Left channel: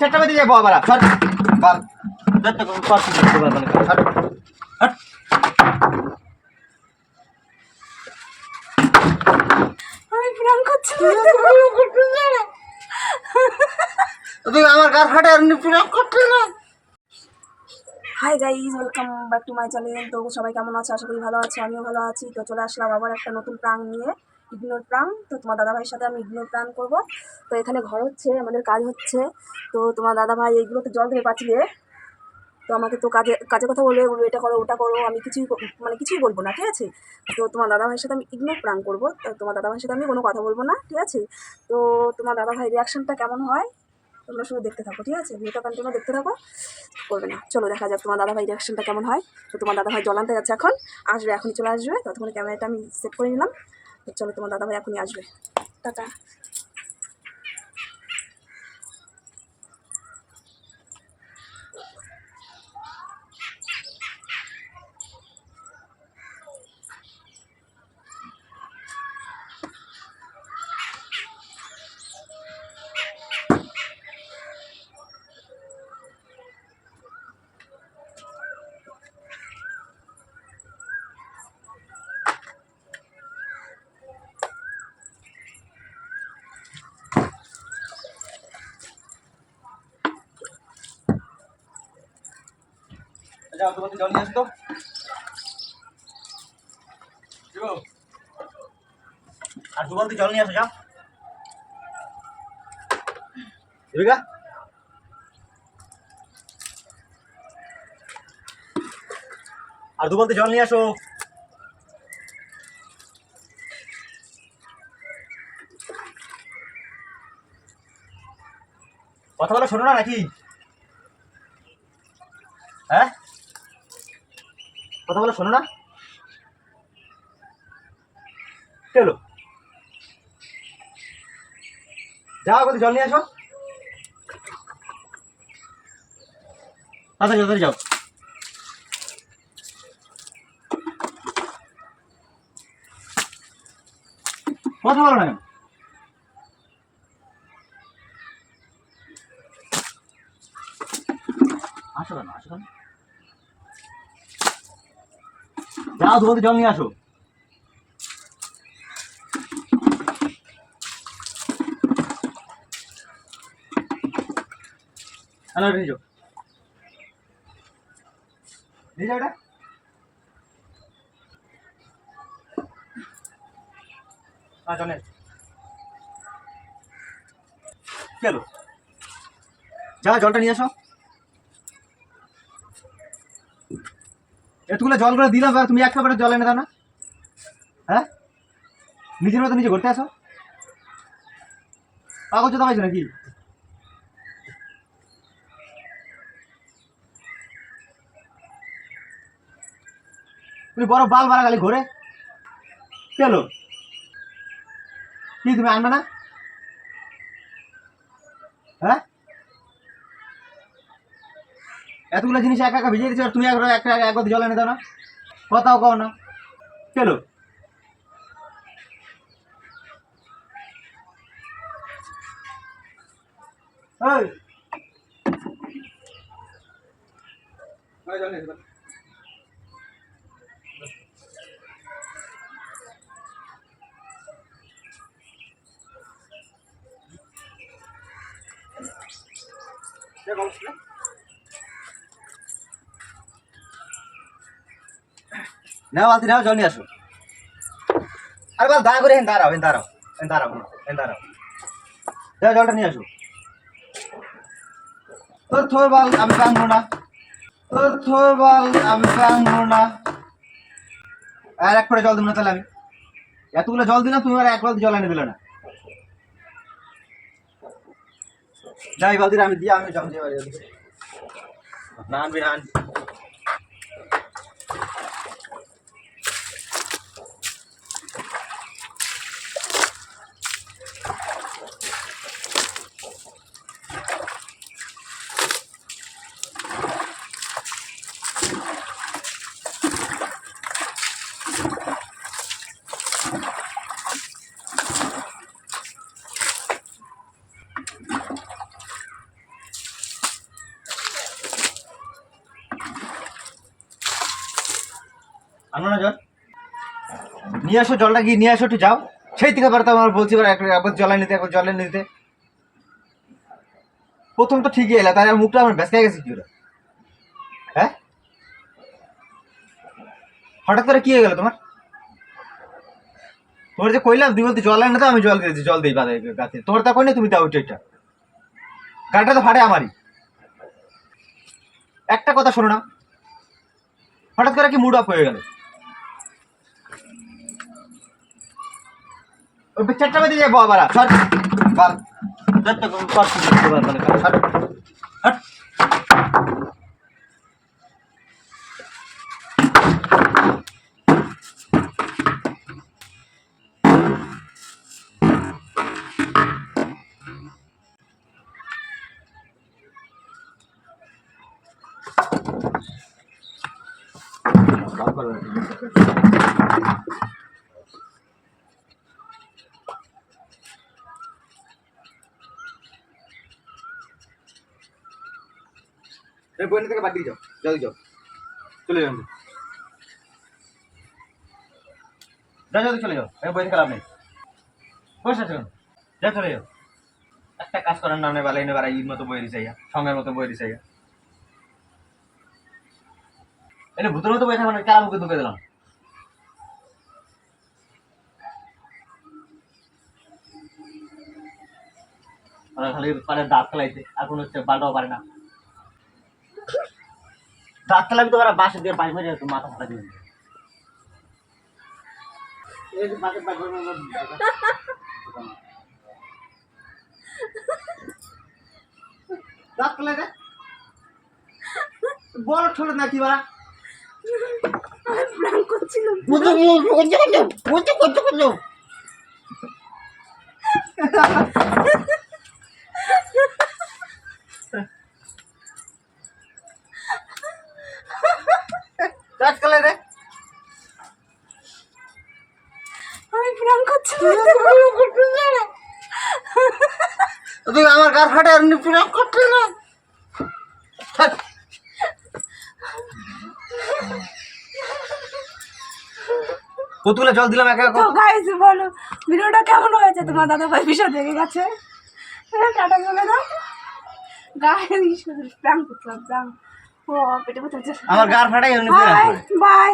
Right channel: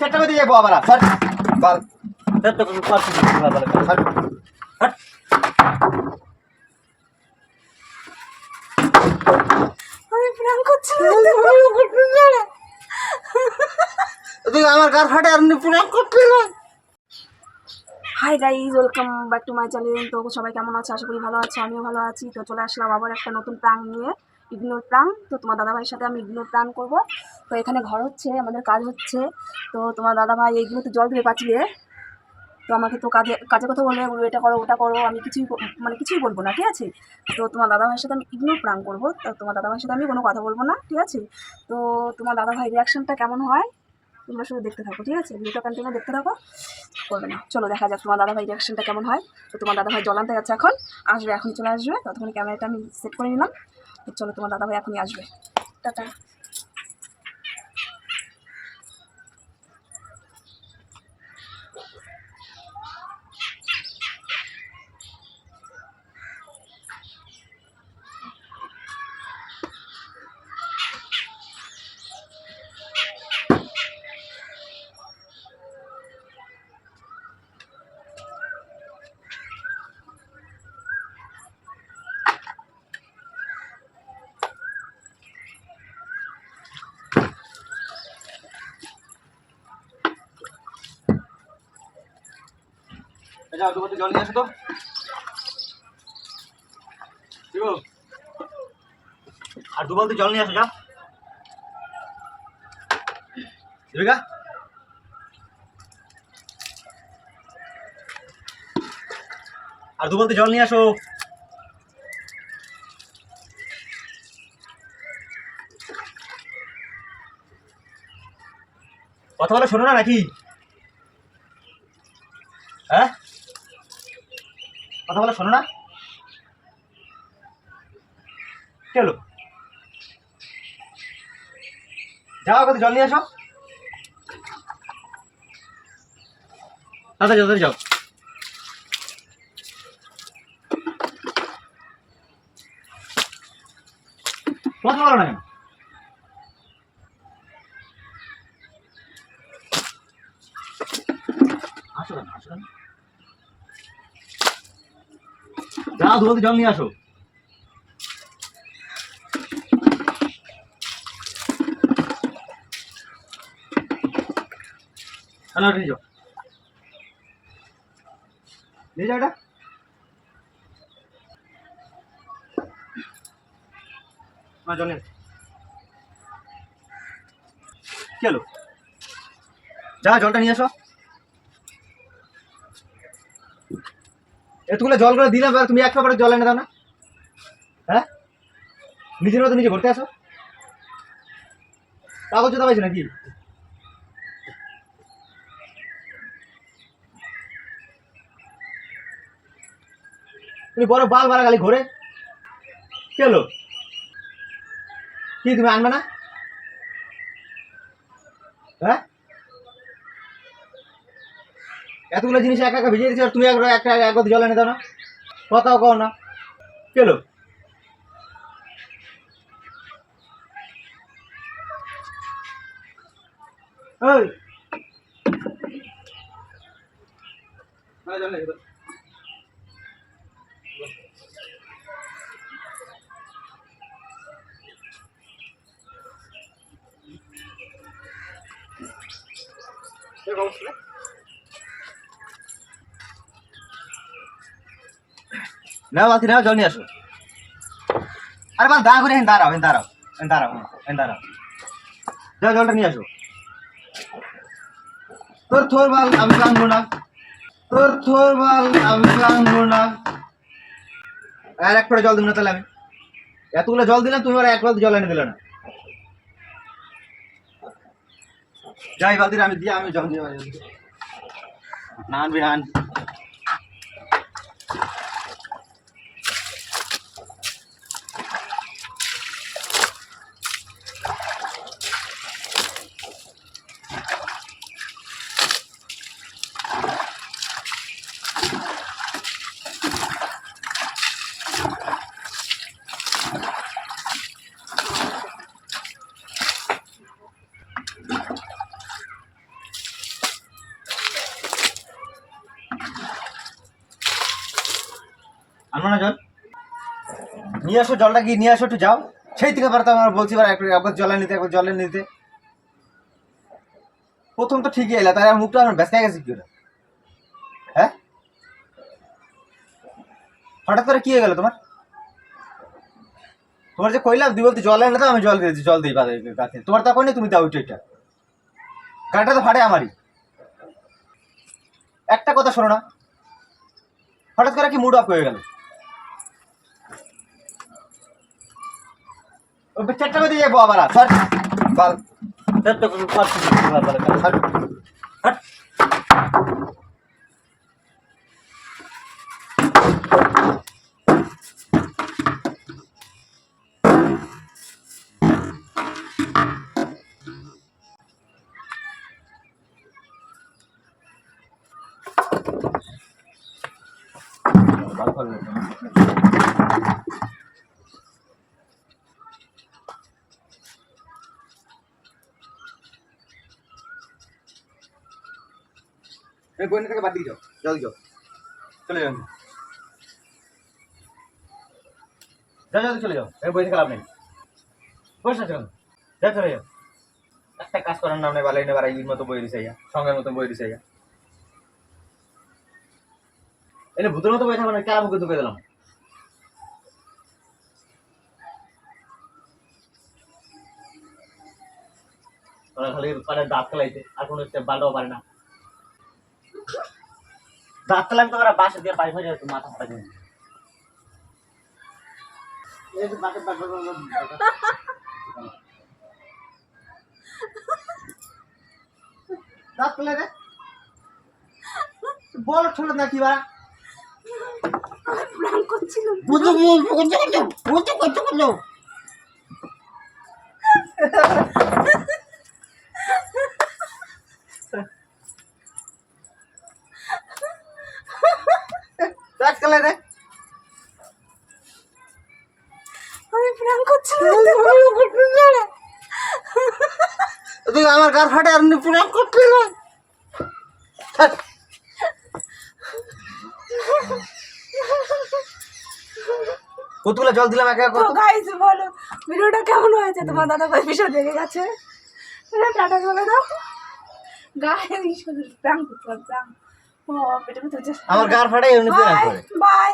চেষ্টা করে দিয়ে বাবা সর বার চেষ্টা করে সর সর হট আমি প্রাণ করছি তুই আমার কার ফাটে আর প্রাণ করতে না। Hi guys, welcome back to my channel. তো সবাই কেমন আছে? আশা করি ভালো আছে, আমিও ভালো আছি। তো চলে আসলাম আবার একটা নতুন প্রাণ নিয়ে, ইগনোর প্রাণ। তো তোমার দাদাভাইয়ের সাথে আমি ইগনোর প্রাণ করবো। তো এখানে ঘর হচ্ছে, আমাদের কাজ হচ্ছে। তো তোমার দাদাভাই এইগুলোতে জল ধরে পাঠিয়ে, তো আমাকে তো কাজে কাজে কথা বলবে, বলবে এটা করো ওটা করো। আমি কিছুই বলবো না, ঠিক আছে? তো তোমার দাদাভাইয়ের সাথে আমি ইগনোর প্রাণ করবো। তো তোমার দাদাভাইয়ের সাথে আমি কোনো কথা বলবো না, ঠিক আছে? তো তোমার দাদাভাই রিয়াকশনটা কেমন হয় তোমরা শুধু দেখতে থাকো, ঠিক আছে? ভিডিওটা কন্টিনিউ দেখতে থাকো, করবে না। চলো দেখা যাক তোমার দাদাভাই রিয়াকশনটা কেমন হয়। তো তোমার দাদাভাই জল আনতে যাচ্ছে, এখন আসবে, এখনই চলে আসবে। ততক্ষণ ক্যামেরাটা আমি সেট করে নিলাম। তো চলো, তোমার দাদাভাই এখনই আসবে। টাটা। যাও দোকান থেকে জল নিয়ে আসো তো। আর দু বালতি জল নিয়ে আসো, যাও রেখা। আর দু বালতি জল নিয়ে আসো। কথা বলে শোনো না নাকি? হ্যাঁ, কথা বলে শোনো না? চলো যাও, আগে জল নিয়ে আসো, তাড়াতাড়ি তাড়াতাড়ি যাও। কথা বলো না কেন? আসো কেন, আসো কেন? যাও দু বালতি জল নিয়ে আসো। হ্যালো, নিয়ে যাও, নিয়ে যাও এটা। হ্যাঁ, জল নিয়ে আসো। চলো যাও, জলটা নিয়ে আসো। এতগুলো জল করে দিলাম, আর তুমি একটা করে জল এনে দাও না। হ্যাঁ, নিজের মতো নিজে ঘুরতে আসো, কাগজ তো পাইছো নাকি? তুমি বড় বাল বাড়া গালি ঘোরে কেলো, কি তুমি আনবে না? হ্যাঁ, এতগুলো জিনিস একা একা ভিজিয়ে দিচ্ছি, আর তুমি একটা এক জল এনে দাও না, কথাও কও না কেলো। ওই জল নিয়ে এসো। নাও বালতি নাও, জল নিয়ে আসো। আরে বাল দয়া করে হেন দাঁড়াও, হেন দাঁড়াও, হেন দাঁড়াও, হেন দাঁড়াও, যাও জলটা নিয়ে আসো। তোর থোর বাল আমি ভাঙবো না, তোর থোর বাল আমি ভাঙবো না। আর এক করে জল দেবো না তাহলে? আমি এতগুলো জল দিলাম, তুমি আর এক বালতি জল এনে দিলে না। যাই বালতি আমি দিয়ে, আমি জল দিয়ে না আনবি না। আনবো না জল? নিয়ে আসো জলটা, গিয়ে নিয়ে আসো, একটু যাও। সেই থেকে বার তো আমার বলছি, একবার জলে নিতে, একবার জলে নিতে। প্রথম তো ঠিকই এলা, তাই মুখটা আমার ব্যস্ত গেছে কি ওরা? হ্যাঁ, হঠাৎ করে কি হয়ে গেল তোমার? তোমার যে কইলাম তুই বলতে জল এনে দাও, আমি জল দিয়েছি, জল দিই বাদে গাছে। তোমার তখন নেই, তুমি দাও এটা। গাড়িটা তো ফাটে আমারই। একটা কথা শোনো না, হঠাৎ করে কি মুড অফ হয়ে গেল? ওই চারটা বেজে যাবো আবার। সর বাল, সব সর, হট। এই বইনে থেকে বাদ দিয়ে যাও, জলদি যাও, চলে যাও, যাও জলদি চলে যাও। এই বই থেকে লাভ নেই, বসে আছো কেন? যাও চলে যাও। একটা কাজ করার নাম নেই, বালাই নেই, বাড়াই ইর মতো বই দিছে, সঙ্গের মতো বই দিছে। এনে ভূতের মতো বই থাকবে না, কার মুখে ঢুকে দিলাম। মানে খালি পারে দাঁত খেলাইতে, আর কোনো বালটাও পারে না। দাঁত খেলাবি তো বাসা দিয়ে পানি মারি মাথা ফাটা দিয়ে দাঁত খেলাই রে, বড় ছোট নাকি বা? প্রাণ করছিলাম। দাঁত খেলাই রে, আমি প্রাণ করছিলাম। তুই আমার গার ফাটে আর প্রাণ করছিস না। কতগুলো জল দিলাম একা তো গাইস বলো ভিডিওটা কেমন হয়েছে? তোমার দাদা ভাই বিষয় দেখে গেছে, টাটা করে দাও। গাইস প্রাণ করছিলাম, প্রাণ। ও পেটে ব্যথা হচ্ছে। আমার গার ফাটাই এমনি প্রাণ করে। বাই।